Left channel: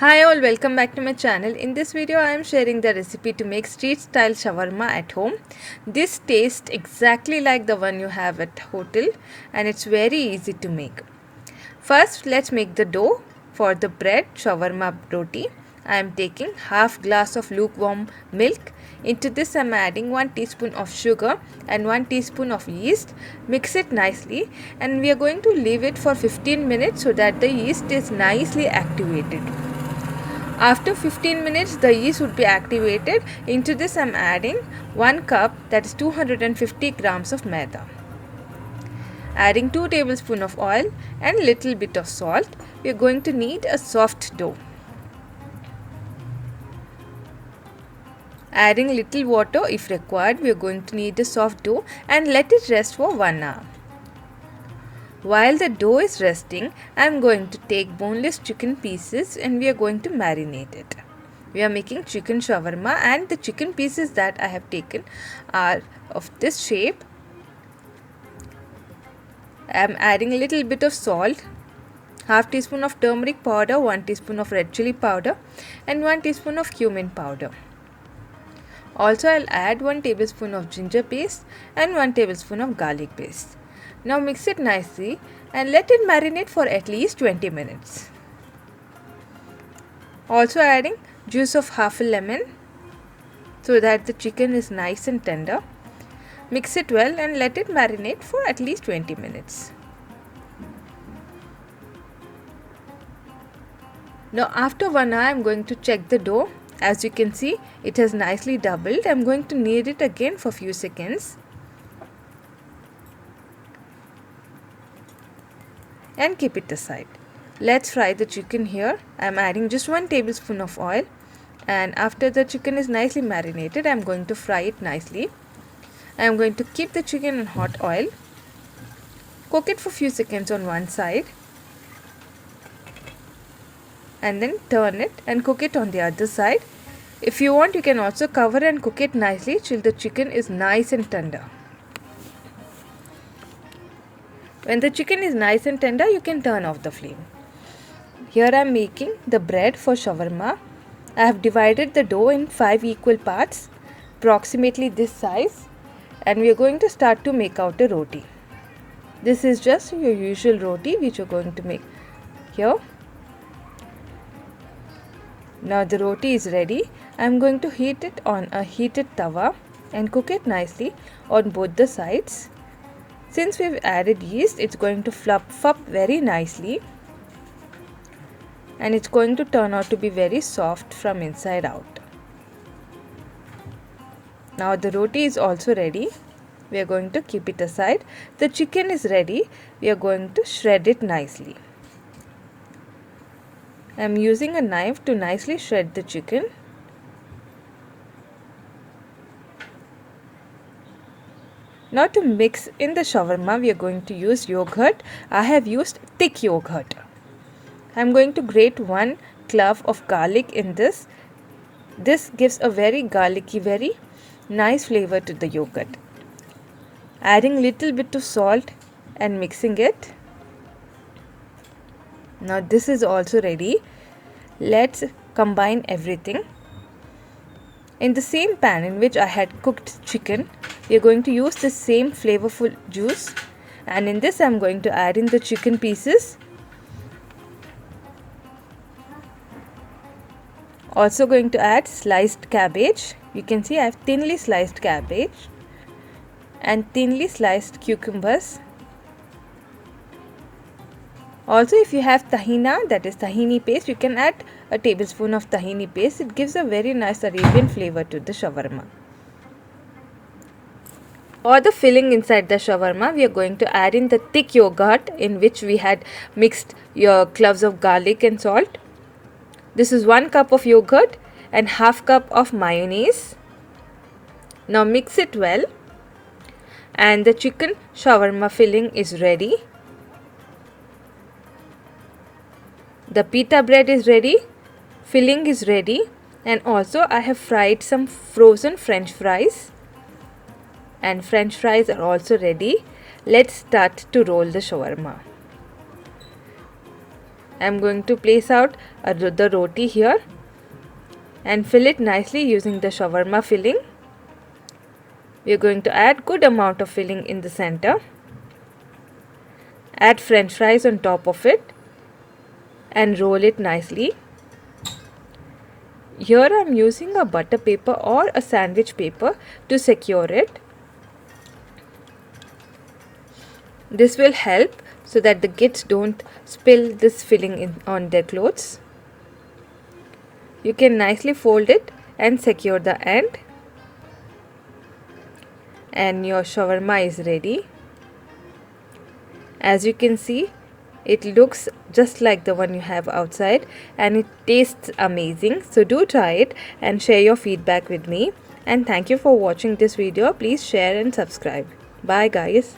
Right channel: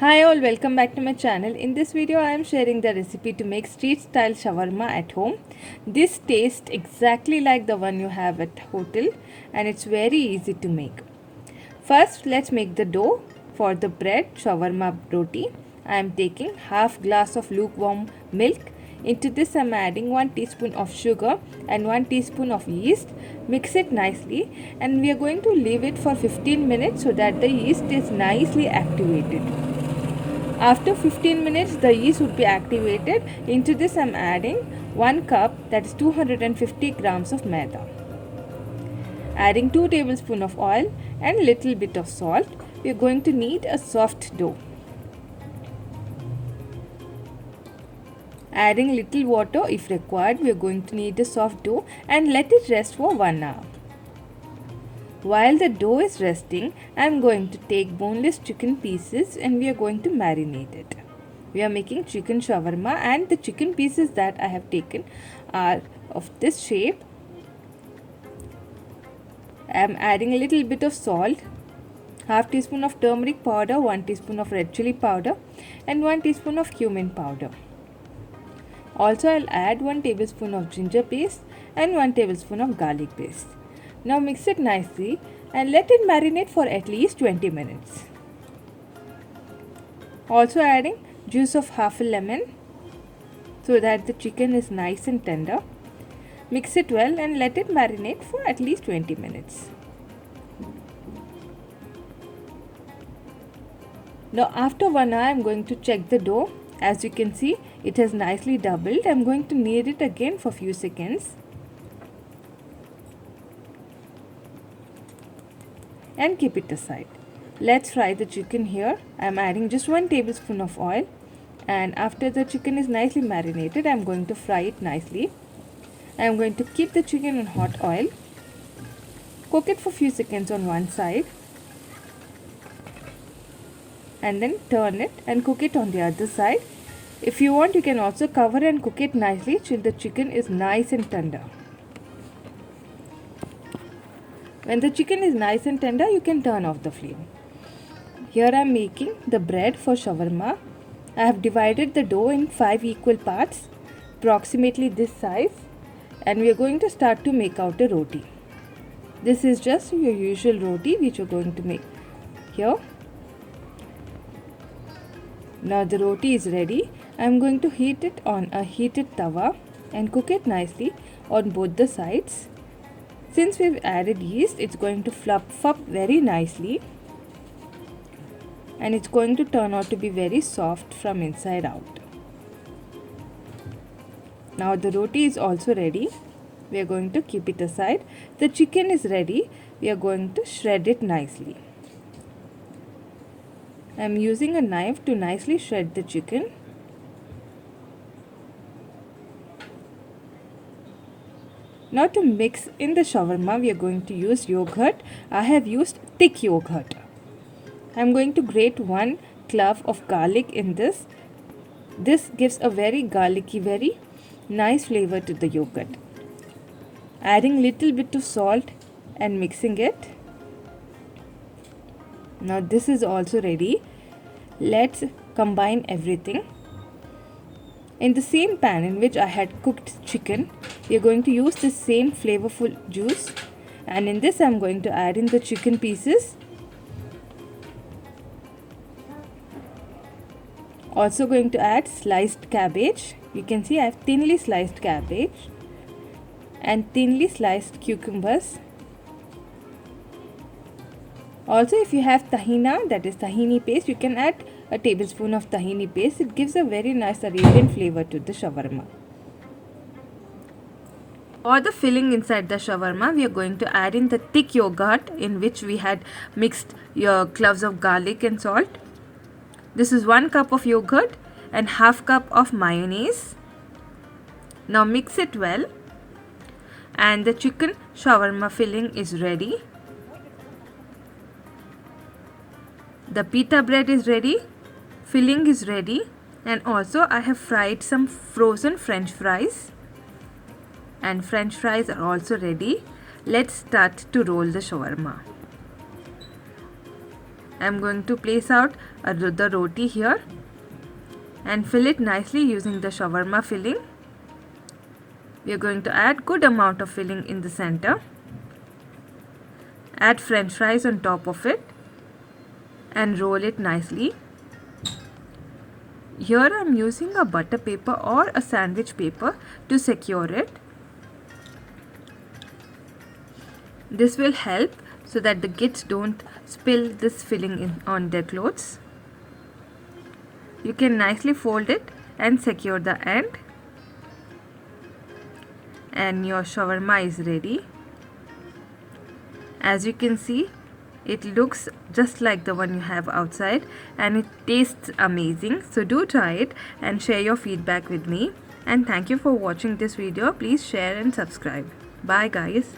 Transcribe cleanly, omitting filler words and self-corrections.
Hi all, welcome back to my channel. In this video I am sharing the recipe to make street style shawarma at home. This tastes exactly like the one you have at hotel and it's very easy to make. First let's make the dough. For the bread shawarma roti, I am taking half glass of lukewarm milk. Into this I am adding 1 teaspoon of sugar and 1 teaspoon of yeast. Mix it nicely and we are going to leave it for 15 minutes so that the yeast is nicely activated. After 15 minutes, the yeast would be activated. Into this, I am adding 1 cup, that is 250 grams of maida. Adding 2 tablespoons of oil and little bit of salt. We are going to need a soft dough. Adding little water if required. We are going to need a soft dough and let it rest for 1 hour. While the dough is resting, I am going to take boneless chicken pieces and we are going to marinate it. We are making chicken shawarma and the chicken pieces that I have taken are of this shape. I am adding a little bit of salt, half teaspoon of turmeric powder, 1 teaspoon of red chili powder and 1 teaspoon of cumin powder. Also, I'll add 1 tablespoon of ginger paste and 1 tablespoon of garlic paste. Now mix it nicely and let it marinate for at least 20 minutes. Also adding juice of half a lemon so that the chicken is nice and tender. Mix it well and let it marinate for at least 20 minutes. Now after 1 hour I am going to check the dough. As you can see, it has nicely doubled. I am going to knead it again for a few seconds. And keep it aside. Let's fry the chicken here. I am adding just 1 tablespoon of oil and after the chicken is nicely marinated, I am going to fry it nicely. I am going to keep the chicken in hot oil. Cook it for a few seconds on one side and then turn it and cook it on the other side. If you want, you can also cover and cook it nicely till the chicken is nice and tender. When the chicken is nice and tender, you can turn off the flame. Here I am making the bread for shawarma. I have divided the dough in 5 equal parts, approximately this size, and we are going to start to make out a roti. This is just your usual roti which you are going to make here. Now the roti is ready. I am going to heat it on a heated tawa and cook it nicely on both the sides. Since we've added yeast, it's going to fluff up very nicely and it's going to turn out to be very soft from inside out. Now the roti is also ready. We are going to keep it aside. The chicken is ready. We are going to shred it nicely. I am using a knife to nicely shred the chicken. Now to mix in the shawarma, we are going to use yogurt. I have used thick yogurt. I am going to grate 1 clove of garlic in this. This gives a very garlicky, very nice flavor to the yogurt. Adding little bit of salt and mixing it. Now this is also ready. Let's combine everything. In the same pan in which I had cooked chicken, we are going to use the same flavorful juice and in this I am going to add in the chicken pieces. Also going to add sliced cabbage. You can see I have thinly sliced cabbage and thinly sliced cucumbers. Also, if you have tahina, that is tahini paste, you can add a tablespoon of tahini paste. It gives a very nice Arabian flavor to the shawarma. For the filling inside the shawarma, we are going to add in the thick yogurt in which we had mixed your cloves of garlic and salt. This is 1 cup of yogurt and half cup of mayonnaise. Now mix it well and the chicken shawarma filling is ready. The pita bread is ready, filling is ready and also I have fried some frozen french fries and french fries are also ready. Let's start to roll the shawarma. I'm going to place out the roti here and fill it nicely using the shawarma filling. We are going to add good amount of filling in the center. Add french fries on top of it and roll it nicely. Here I am using a butter paper or a sandwich paper to secure it. This will help so that the kids don't spill this filling on their clothes. You can nicely fold it and secure the end. And your shawarma is ready. As you can see, it looks just like the one you have outside and it tastes amazing. So do try it and share your feedback with me. And thank you for watching this video. Please share and subscribe. Bye guys.